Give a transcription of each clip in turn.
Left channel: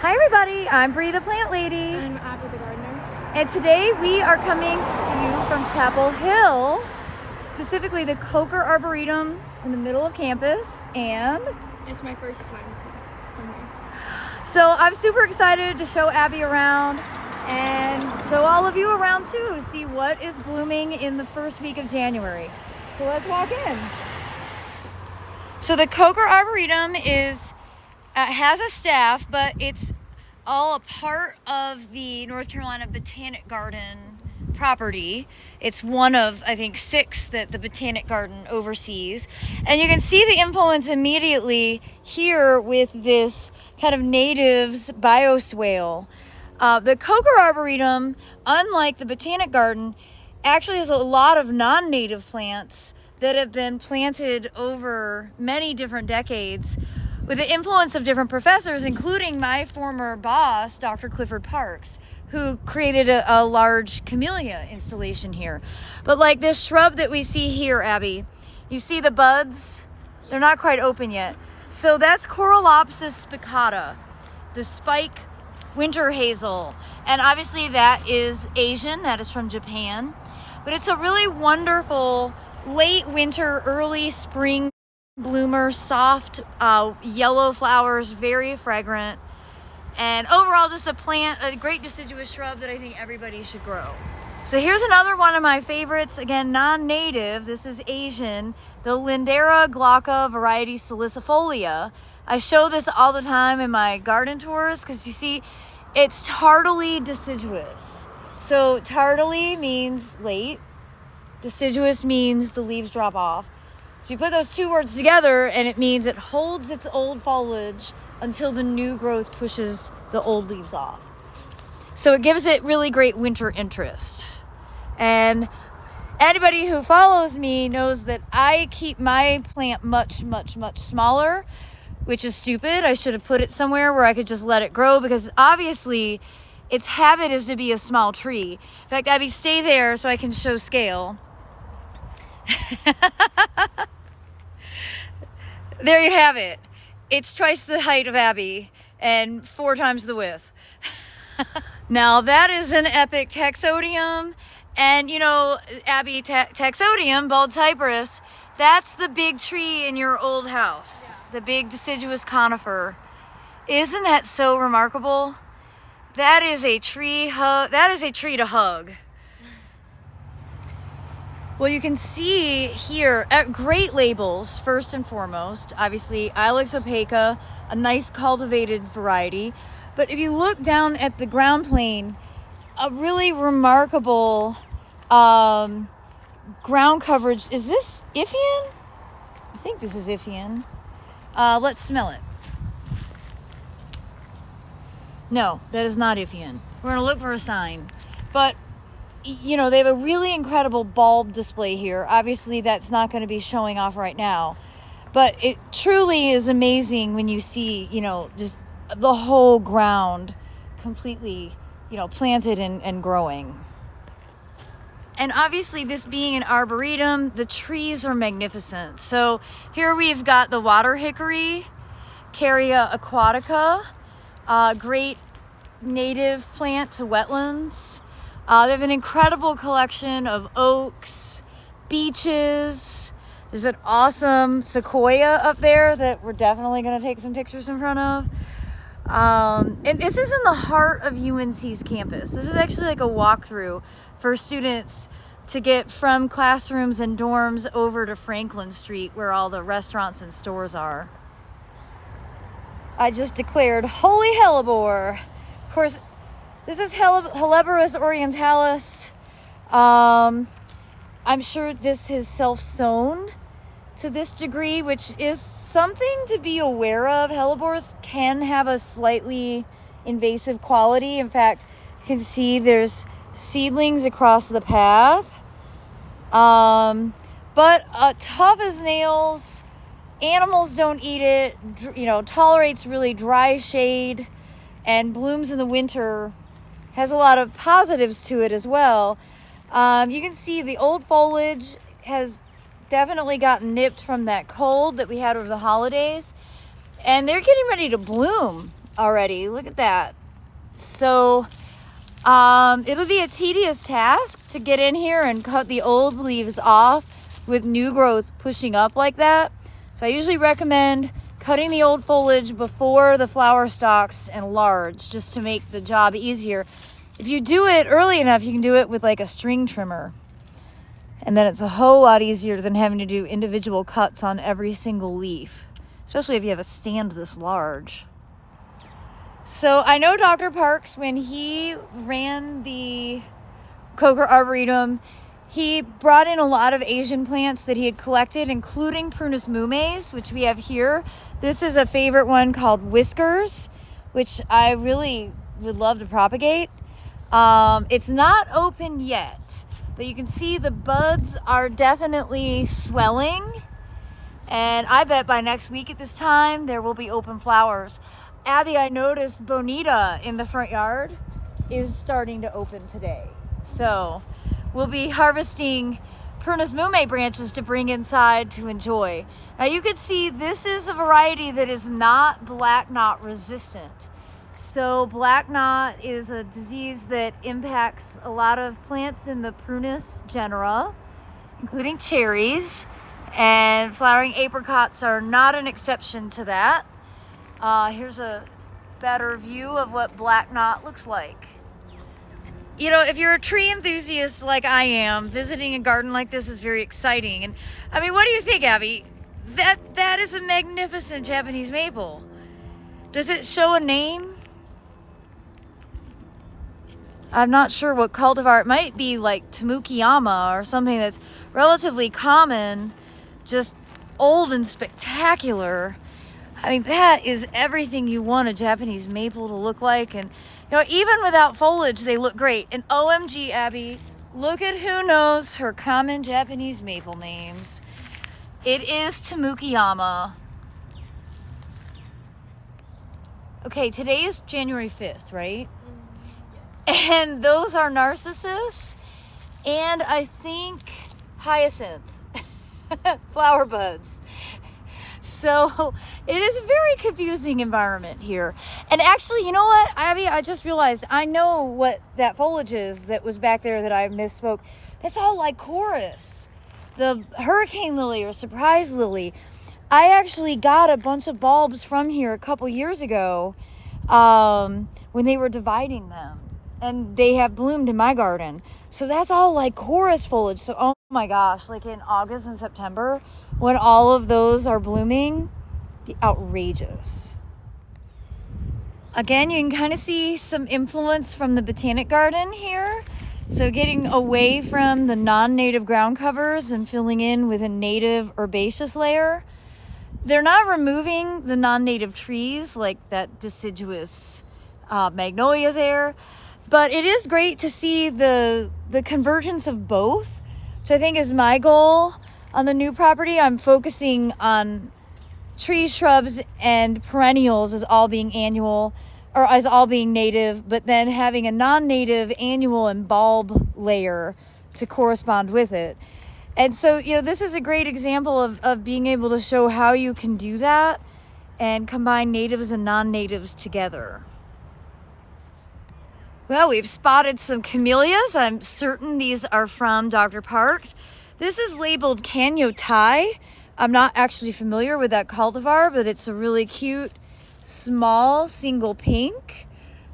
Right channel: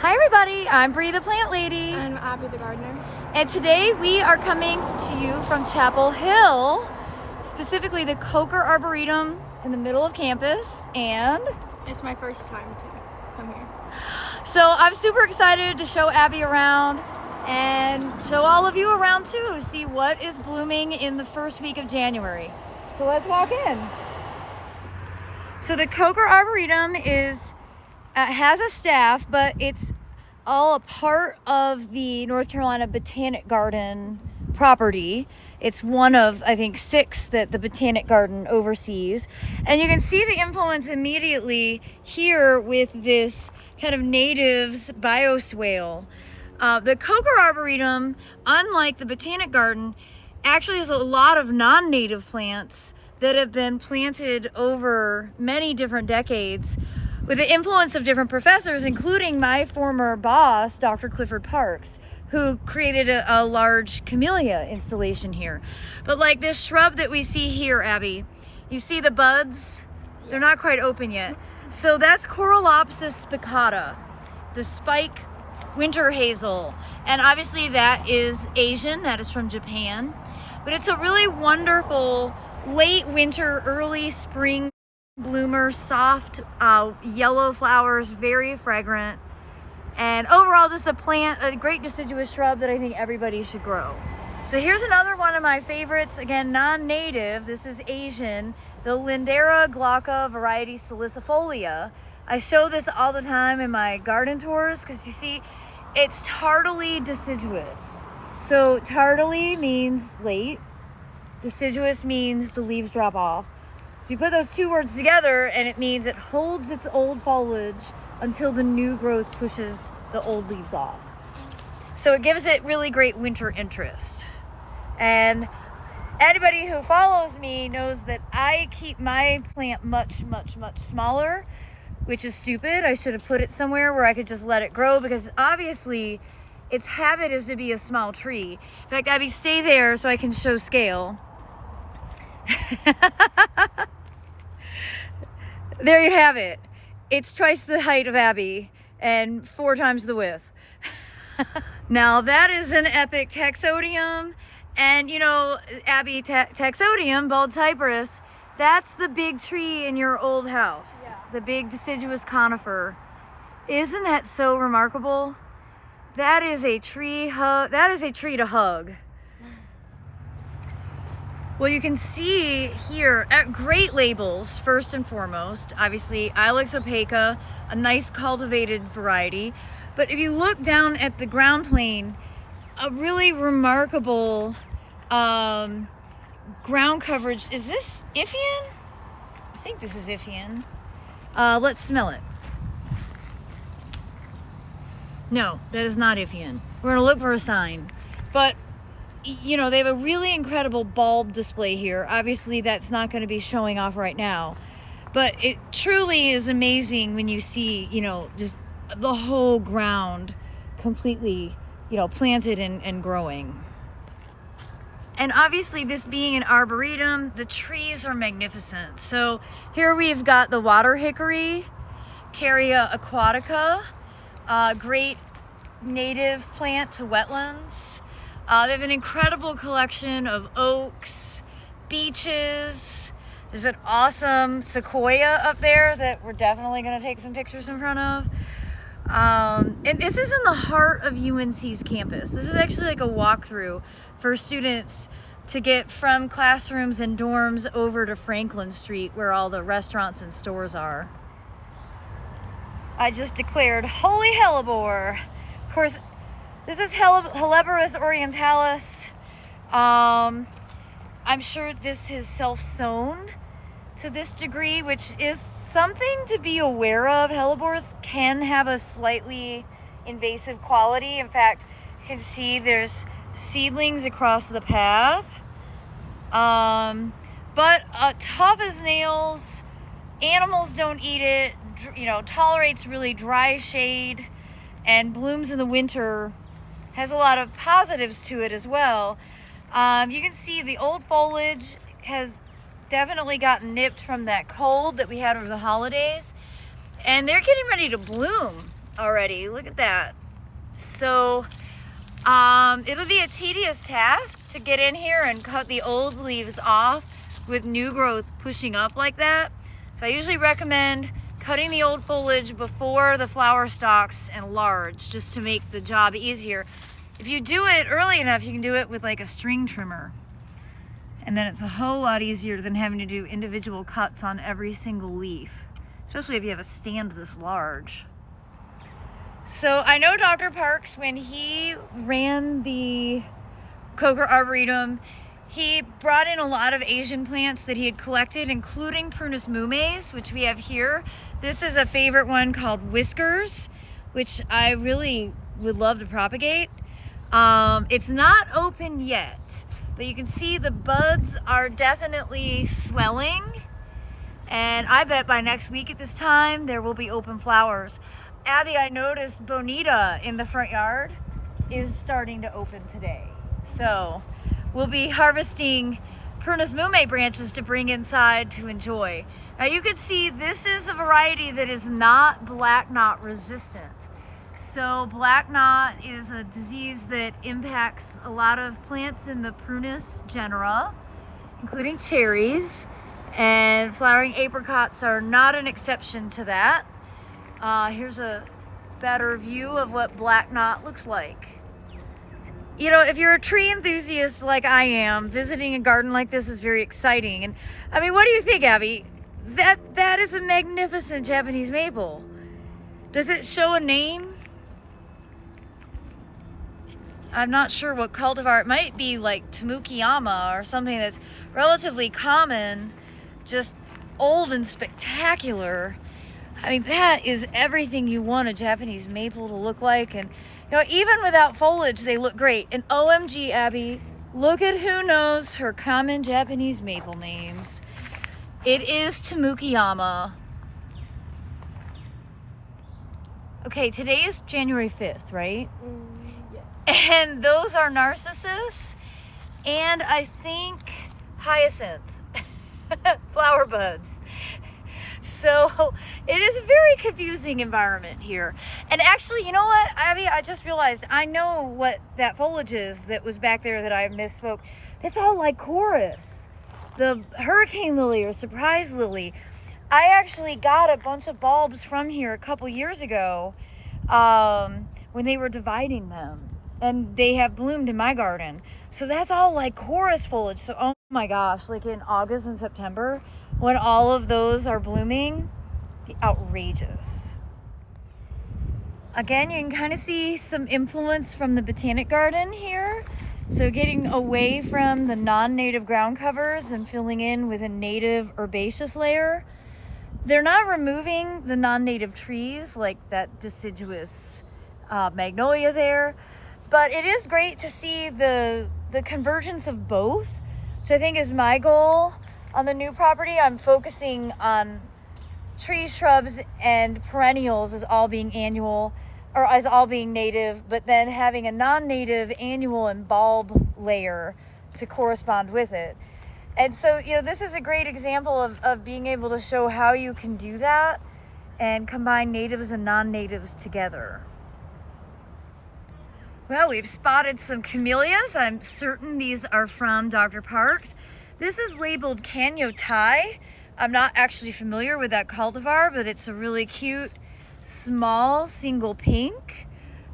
Hi everybody, I'm Bree the Plant Lady. I'm Abby the Gardener. And today we are coming to you from Chapel Hill, specifically the Coker Arboretum in the middle of campus. And It's my first time to come here. so I'm super excited to show Abby around and show all of you around too, see what is blooming in the first week of January. So let's walk in. So the Coker Arboretum has a staff, but it's all a part of the North Carolina Botanic Garden property. It's one of, I think, 6 that the Botanic Garden oversees. And you can see the influence immediately here with this kind of natives bioswale. The Coker Arboretum, unlike the Botanic Garden, actually has a lot of non-native plants that have been planted over many different decades with the influence of different professors, including my former boss, Dr. Clifford Parks, who created a large camellia installation here. But like this shrub that we see here, Abby, you see the buds? They're not quite open yet. So that's Coralopsis spicata, the spike winter hazel. And obviously that is Asian, that is from Japan. But it's a really wonderful late winter, early spring bloomer, soft yellow flowers, very fragrant, and overall just a great deciduous shrub that I think everybody should grow. So here's another one of my favorites, again non-native. This is Asian, the Lindera glocka variety salicifolia. I show this all the time in my garden tours because you see it's tardily deciduous. So tardily means late, deciduous means the leaves drop off. So you put those two words together and it means it holds its old foliage until the new growth pushes the old leaves off. So it gives it really great winter interest. And anybody who follows me knows that I keep my plant much, much, much smaller, which is stupid. I should have put it somewhere where I could just let it grow because obviously its habit is to be a small tree. In fact, Abby, stay there so I can show scale. There you have it. It's twice the height of Abby and 4 times the width. Now that is an epic Hexodium, and you know, Abby, Hexodium, bald cypress, that's the big tree in your old house, the big deciduous conifer. Isn't that so remarkable? That is a tree to hug. Well, you can see here at great labels, first and foremost, obviously Ilex opaca, a nice cultivated variety. But if you look down at the ground plane, a really remarkable ground coverage. Is this Ifian? I think this is Ifian. Let's smell it. No, that is not Ifian. We're gonna look for a sign. But you know, they have a really incredible bulb display here. Obviously that's not going to be showing off right now, but it truly is amazing when you see, you know, just the whole ground completely, you know, planted and growing. And obviously this being an arboretum, the trees are magnificent. So here we've got the water hickory, Caria aquatica, great native plant to wetlands. They have an incredible collection of oaks, beeches. There's an awesome sequoia up there that we're definitely going to take some pictures in front of. And this is in the heart of UNC's campus. This is actually like a walkthrough for students to get from classrooms and dorms over to Franklin Street where all the restaurants and stores are. I just declared holy hellebore. Of course, this is Hellebore orientalis. I'm sure this is self-sown to this degree, which is something to be aware of. Hellebores can have a slightly invasive quality. In fact, you can see there's seedlings across the path. But tough as nails, animals don't eat it, you know, tolerates really dry shade and blooms in the winter. Has a lot of positives to it as well. You can see the old foliage has definitely gotten nipped from that cold that we had over the holidays, and they're getting ready to bloom. already. Look at that. So it'll be a tedious task to get in here and cut the old leaves off with new growth pushing up like that. So I usually recommend cutting the old foliage before the flower stalks enlarge, just to make the job easier. If you do it early enough, you can do it with like a string trimmer. And then it's a whole lot easier than having to do individual cuts on every single leaf, especially if you have a stand this large. So I know Dr. Parks, when he ran the Coker Arboretum, he brought in a lot of Asian plants that he had collected, including Prunus Mumes, which we have here. This is a favorite one called Whiskers, which I really would love to propagate. It's not open yet, but you can see the buds are definitely swelling. And I bet by next week at this time, there will be open flowers. Abby, I noticed Bonita in the front yard is starting to open today. So we'll be harvesting Prunus Mume branches to bring inside to enjoy. Now you can see this is a variety that is not black knot resistant. So black knot is a disease that impacts a lot of plants in the Prunus genera, including cherries, and flowering apricots are not an exception to that. Here's a better view of what black knot looks like. You know, if you're a tree enthusiast like I am, visiting a garden like this is very exciting. And I mean, what do you think, Abby? That is a magnificent Japanese maple. Does it show a name? I'm not sure what cultivar. It might be like Tamukiyama or something that's relatively common, just old and spectacular. I mean, that is everything you want a Japanese maple to look like. And you know, even without foliage, they look great. And OMG, Abby, look at who knows her common Japanese maple names. It is Tamukiyama. Okay, today is January 5th, right? Yes. And those are Narcissus and I think Hyacinth flower buds. So it is a very confusing environment here. And actually, you know what, Abby, I just realized I know what that foliage is that was back there that I misspoke. That's all Lycoris, the hurricane lily or surprise lily. I actually got a bunch of bulbs from here a couple years ago when they were dividing them, and they have bloomed in my garden. So that's all Lycoris foliage. So oh my gosh, like in August and September, when all of those are blooming, the outrageous. Again, you can kind of see some influence from the botanic garden here. So getting away from the non-native ground covers and filling in with a native herbaceous layer. They're not removing the non-native trees like that deciduous magnolia there, but it is great to see the convergence of both, which I think is my goal on the new property. I'm focusing on trees, shrubs, and perennials as all being annual, or as all being native, but then having a non-native annual and bulb layer to correspond with it. And so, you know, this is a great example of being able to show how you can do that and combine natives and non-natives together. Well, we've spotted some camellias. I'm certain these are from Dr. Parks. This is labeled Canyo Thai. I'm not actually familiar with that cultivar, but it's a really cute, small, single pink,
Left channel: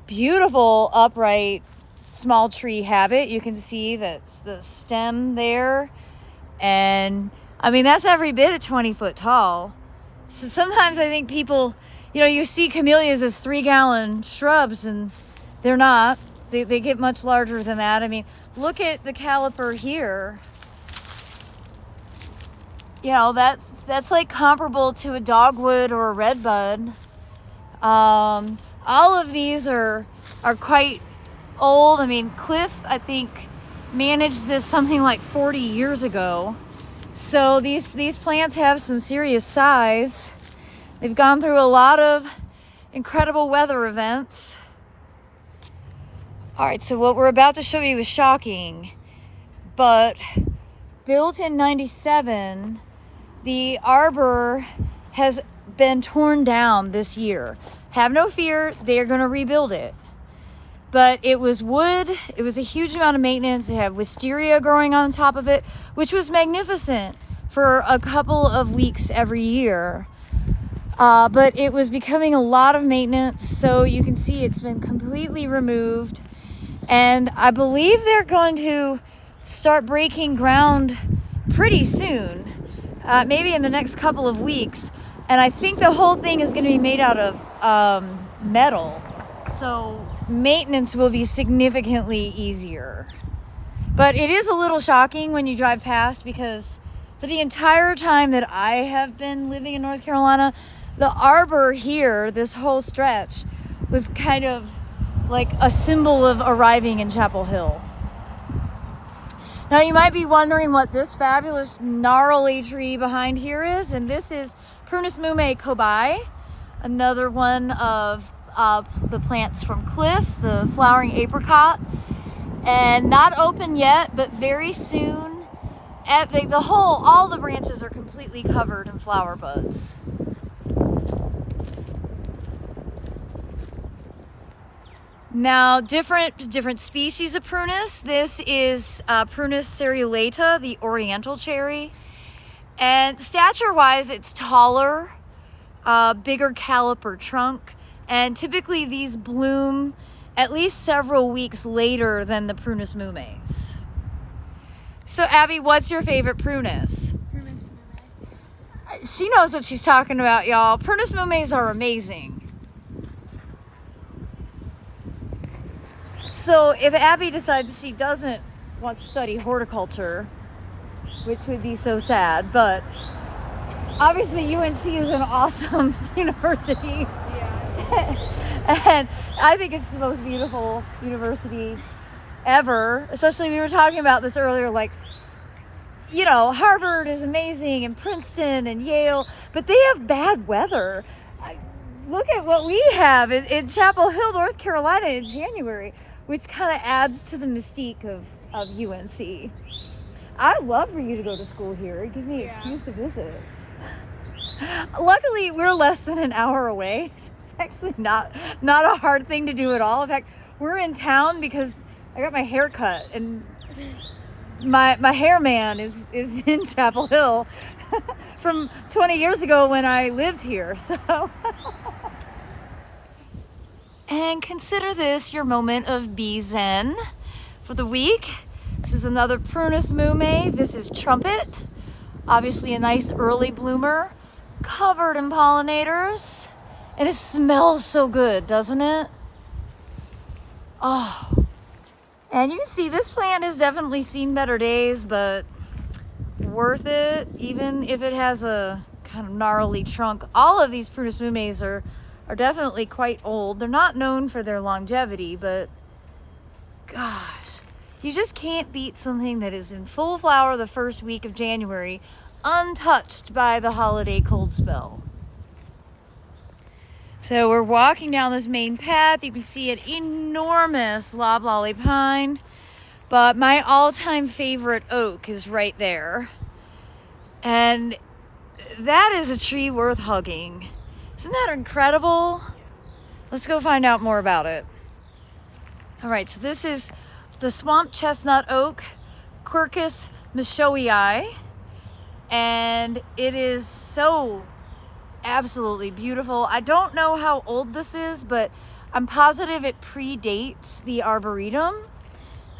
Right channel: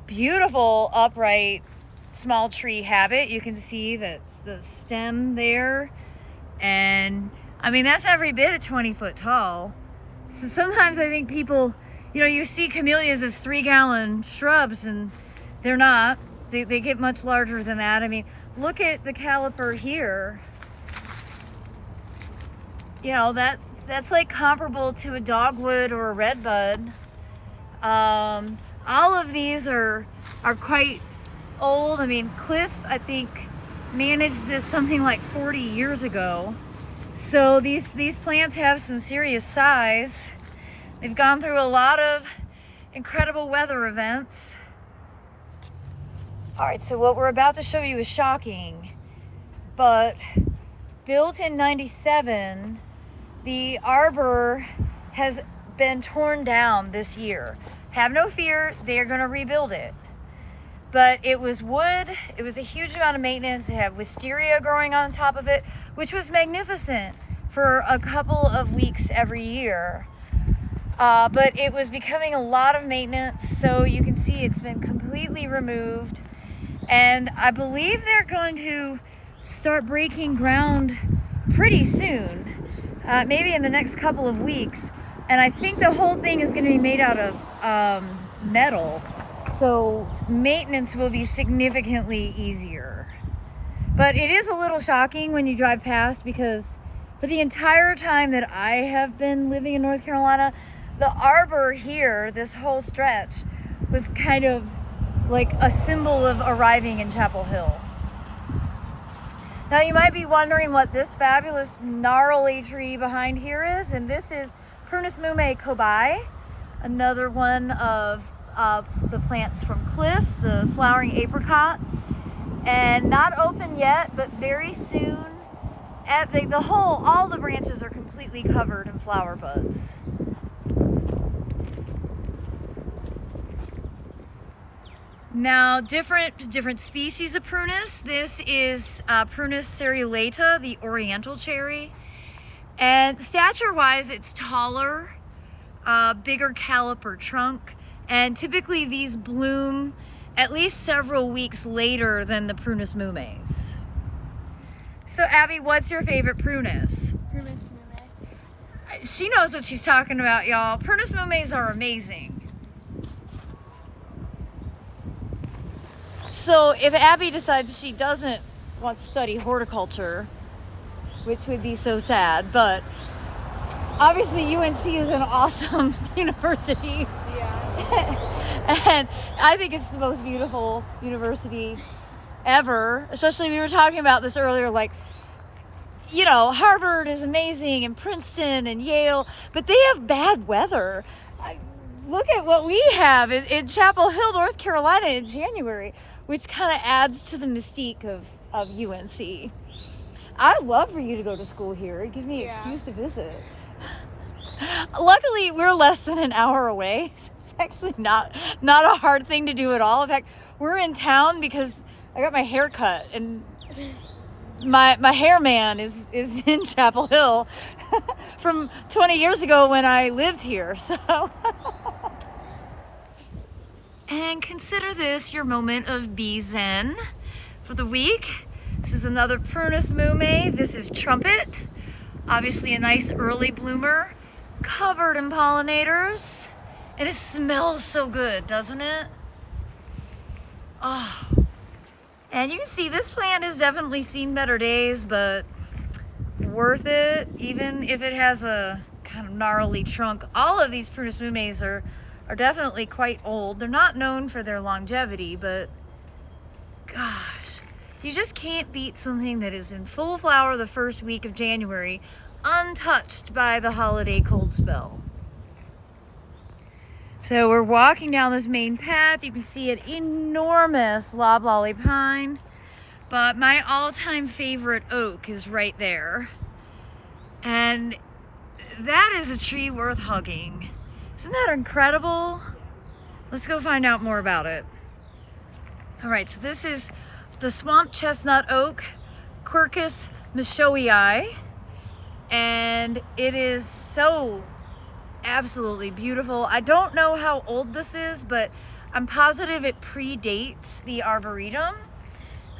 beautiful, upright, small tree habit. You can see that's the stem there. And I mean, that's every bit of 20 foot tall. So sometimes I think people, you know, you see camellias as 3-gallon shrubs, and they're not. They get much larger than that. I mean, look at the caliper here. You know, that's like comparable to a dogwood or a redbud. All of these are quite old. I mean, Cliff, I think, managed this something like 40 years ago. So these plants have some serious size. They've gone through a lot of incredible weather events. All right, so what we're about to show you is shocking, but built in '97, the Arbor has been torn down this year. have no fear, they're gonna rebuild it. But it was wood, it was a huge amount of maintenance. It had wisteria growing on top of it, which was magnificent for a couple of weeks every year. But it was becoming a lot of maintenance, so you can see it's been completely removed. And I believe they're going to start breaking ground pretty soon, maybe in the next couple of weeks. And I think the whole thing is going to be made out of metal, so maintenance will be significantly easier. But it is a little shocking when you drive past, because for the entire time that I have been living in North Carolina, the Arbor here, this whole stretch, was kind of like a symbol of arriving in Chapel Hill. Now you might be wondering what this fabulous gnarly tree behind here is, and this is Prunus Mume Kobay, another one of the plants from Cliff, the flowering apricot, and not open yet, but very soon. All the branches are completely covered in flower buds. Now, different species of prunus. This is Prunus Serialeta, the oriental cherry. And stature-wise, it's taller, bigger caliper trunk, and typically these bloom at least several weeks later than the Prunus Mumes. So Abby, what's your favorite prunus? Prunus Mume. She knows what she's talking about, y'all. Prunus Mumes are amazing. So if Abby decides she doesn't want to study horticulture, which would be so sad, but obviously UNC is an awesome university. Yeah. And I think it's the most beautiful university ever. Especially, we were talking about this earlier, like, you know, Harvard is amazing, and Princeton and Yale, but they have bad weather. Look at what we have in Chapel Hill, North Carolina in January, which kind of adds to the mystique of UNC. I'd love for you to go to school here. It'd give me an excuse to visit. Luckily, we're less than an hour away, so it's actually not a hard thing to do at all. In fact, we're in town because I got my hair cut, and my hair man is in Chapel Hill from 20 years ago when I lived here. So, and consider this your moment of bee zen for the week. This is another Prunus Mume. This is Trumpet, obviously a nice early bloomer, covered in pollinators, and it smells so good, doesn't it? Oh. And you can see this plant has definitely seen better days, but worth it, even if it has a kind of gnarly trunk. All of these Prunus Mumes are definitely quite old. They're not known for their longevity, but gosh, you just can't beat something that is in full flower the first week of January, untouched by the holiday cold spell. So we're walking down this main path. You can see an enormous loblolly pine, but my all-time favorite oak is right there. And that is a tree worth hugging. Isn't that incredible? Let's go find out more about it. All right, so this is the swamp chestnut oak, Quercus Michoii, and it is so absolutely beautiful. I don't know how old this is, but I'm positive it predates the Arboretum.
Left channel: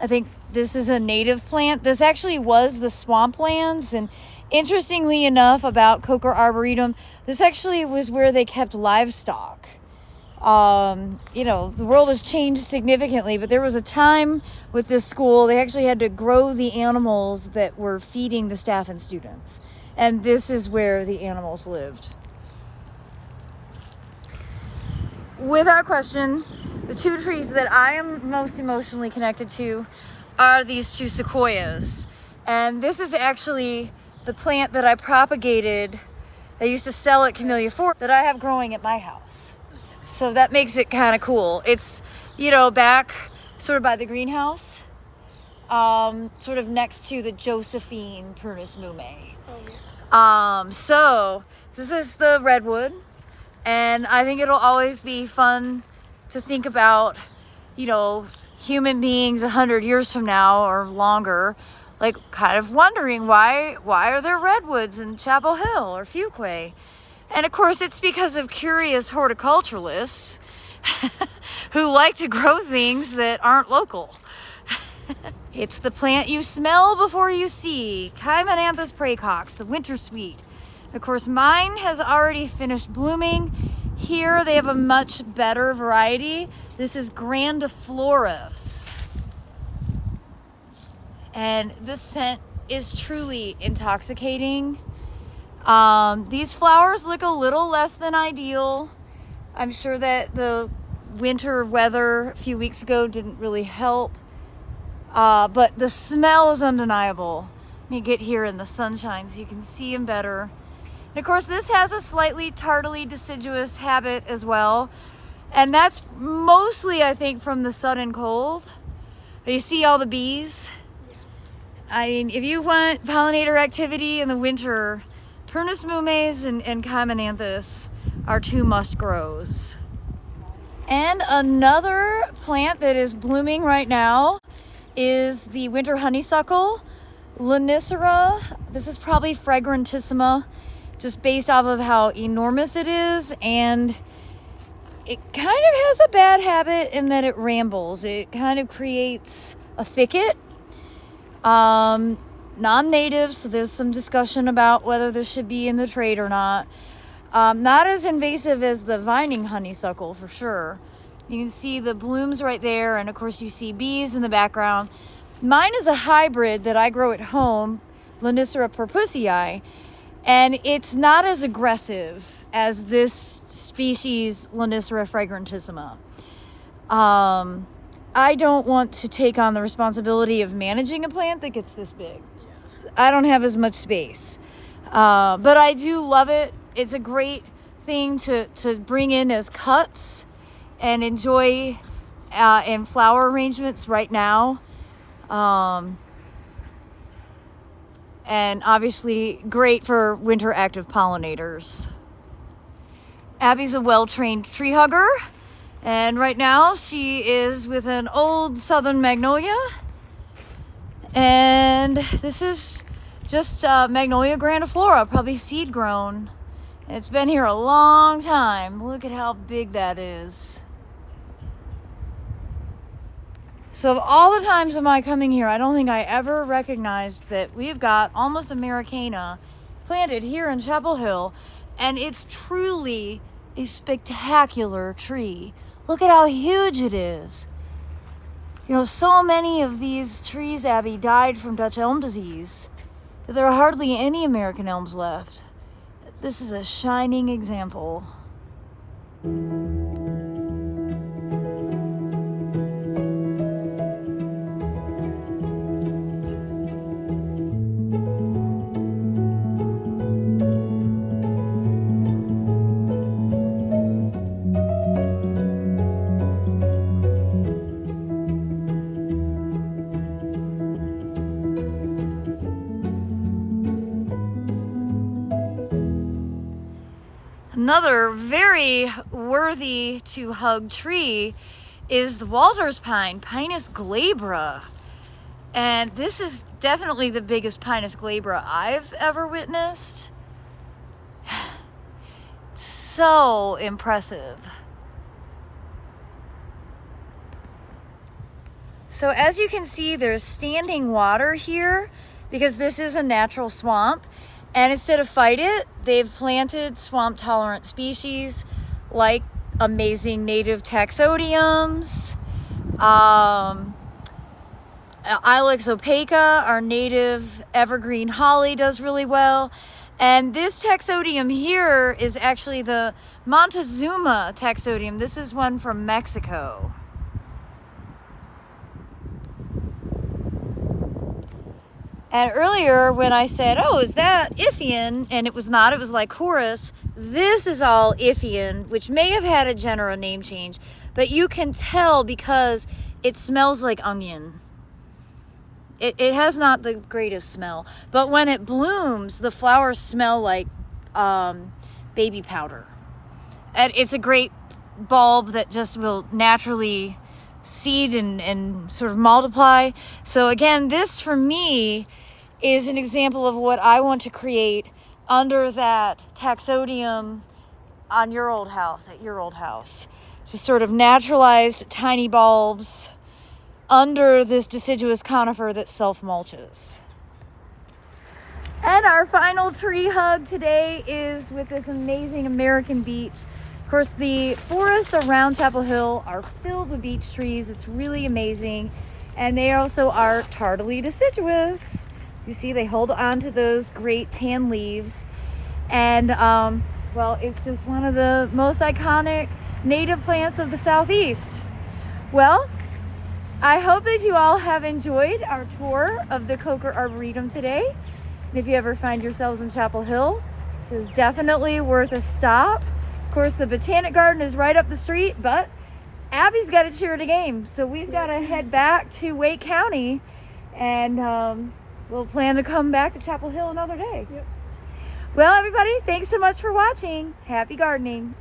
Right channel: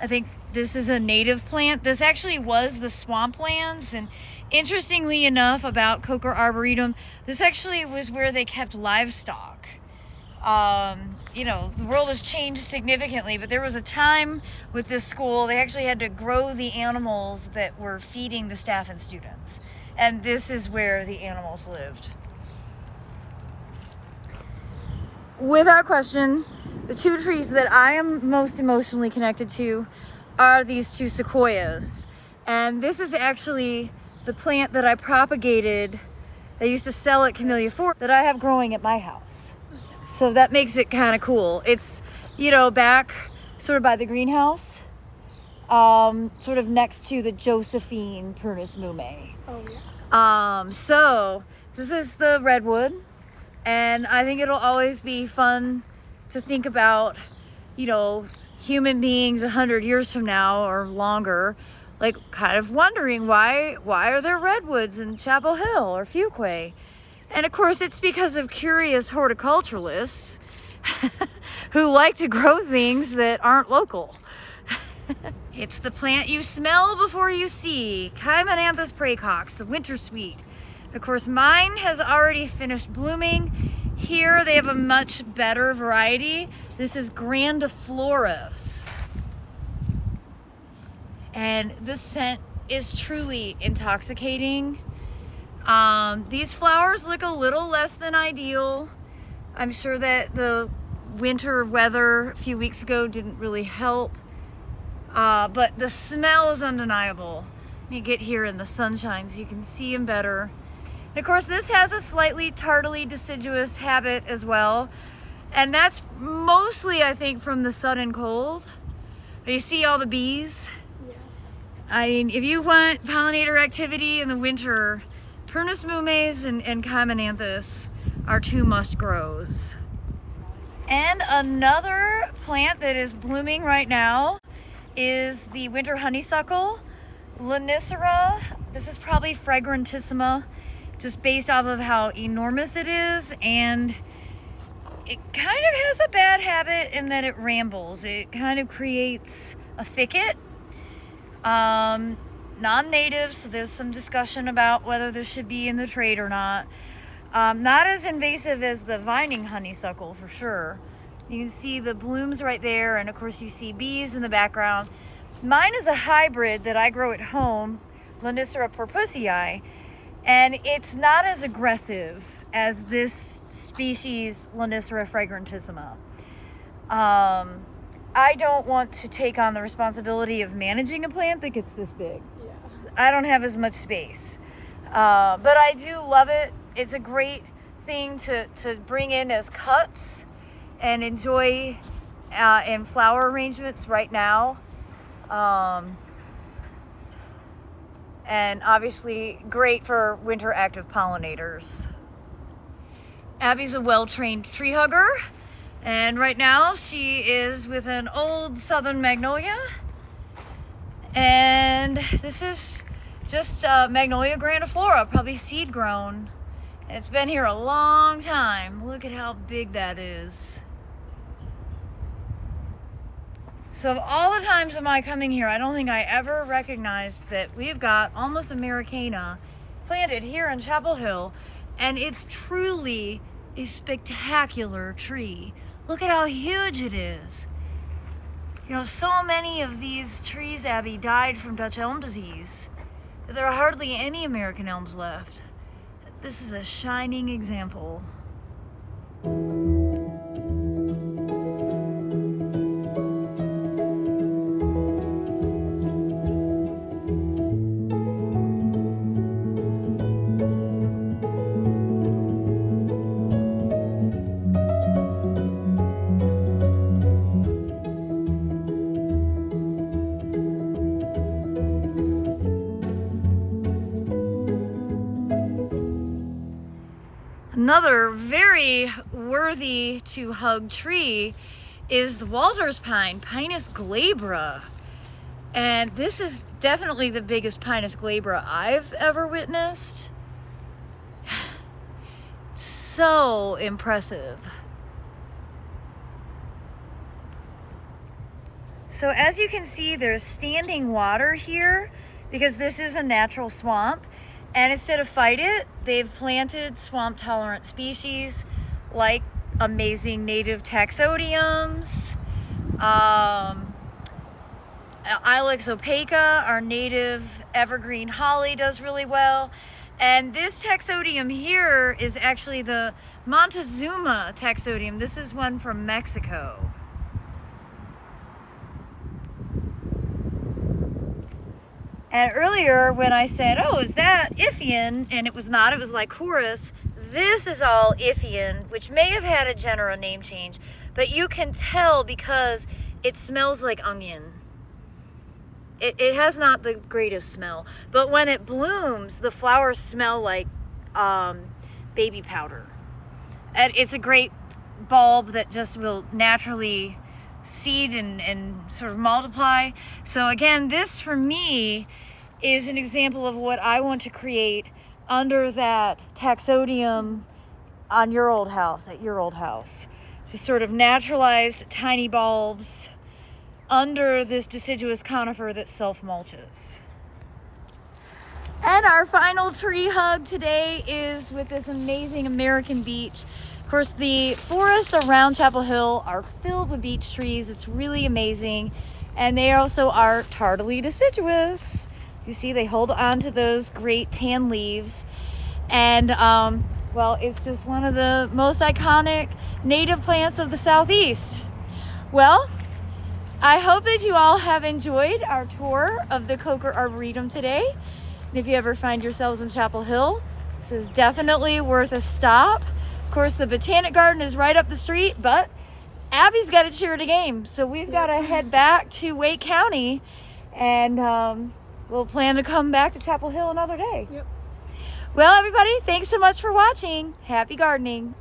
I think this is a native plant. This actually was the swamplands, and interestingly enough about Coker Arboretum, this actually was where they kept livestock. You know, the world has changed significantly, but there was a time with this school, they actually had to grow the animals that were feeding the staff and students. And this is where the animals lived. Without question, the two trees that I am most emotionally connected to are these two sequoias. And this is actually the plant that I propagated. They used to sell at Camellias that I have growing at my house. So that makes it kind of cool. It's, you know, back sort of by the greenhouse, sort of next to the Josephine Prunus Mume. So this is the redwood, And I think it'll always be fun to think about, you know, human beings 100 years from now or longer, like kind of wondering why are there redwoods in Chapel Hill or Fuquay? And of course it's because of curious horticulturalists who like to grow things that aren't local. It's the plant you smell before you see, Chimonanthus praecox, the winter sweet. Of course, mine has already finished blooming. Here they have a much better variety. This is Grandiflora. And this scent is truly intoxicating. These flowers look a little less than ideal. I'm sure that the winter weather a few weeks ago didn't really help. But the smell is undeniable. Let me get here in the sunshine so you can see them better. And of course, this has a slightly tardily deciduous habit as well. And that's mostly, I think, from the sudden cold. You see all the bees? I mean, if you want pollinator activity in the winter, Prunus Mumes and Chimonanthus are two must-grows. And another plant that is blooming right now is the winter honeysuckle, Lindera. This is probably fragrantissima, just based off of how enormous it is, and it kind of has a bad habit in that it rambles. It kind of creates a thicket. Non-native, so there's some discussion about whether this should be in the trade or not. Not as invasive as the vining honeysuckle for sure. You can see the blooms right there, and of course you see bees in the background. Mine is a hybrid that I grow at home, Lindera purpussii, and it's not as aggressive as this species, Lindera fragrantissima. I don't want to take on the responsibility of managing a plant that gets this big. Yeah. I don't have as much space, but I do love it. It's a great thing to bring in as cuts and enjoy in flower arrangements right now. And obviously great for winter active pollinators. Abby's a well-trained tree hugger, and right now she is with an old southern magnolia, and this is just Magnolia Grandiflora, probably seed grown. It's been here a long time. Look at how big that is. So of all the times of my coming here, I don't think I ever recognized that we've got almost Americana planted here in Chapel Hill, and it's truly a spectacular tree. Look at how huge it is. You know, so many of these trees, Abby, died from Dutch elm disease that there are hardly any American elms left. This is a shining example. Another very worthy to hug tree is the Walter's pine, Pinus glebra. And this is definitely the biggest Pinus glebra I've ever witnessed. So impressive. So as you can see, there's standing water here because this is a natural swamp. And instead of fight it, they've planted swamp tolerant species like amazing native Taxodiums, Ilex opaca, our native evergreen holly does really well. And this Taxodium here is actually the Montezuma Taxodium. This is one from Mexico. And earlier when I said, oh, is that Ifian? And it was not, it was like Lycoris. This is all Ifian, which may have had a genera name change, but you can tell because it smells like onion. It has not the greatest smell, but when it blooms, the flowers smell like baby powder. it's a great bulb that just will naturally seed and sort of multiply. So again, this for me is an example of what I want to create under that Taxodium on your old house, at your old house. Just sort of naturalized tiny bulbs under this deciduous conifer that self-mulches. And our final tree hug today is with this amazing American beech. Of course, the forests around Chapel Hill are filled with beech trees. It's really amazing. And they also are tardily deciduous. You see, they hold on to those great tan leaves. And, well, it's just one of the most iconic native plants of the Southeast. Well, I hope that you all have enjoyed our tour of the Coker Arboretum today. And if you ever find yourselves in Chapel Hill, this is definitely worth a stop. Of course, the Botanic Garden is right up the street, but Abby's got to cheer at a game. So we've got to head back to Wake County, and we'll plan to come back to Chapel Hill another day. Yep. Well, everybody, thanks so much for watching. Happy gardening.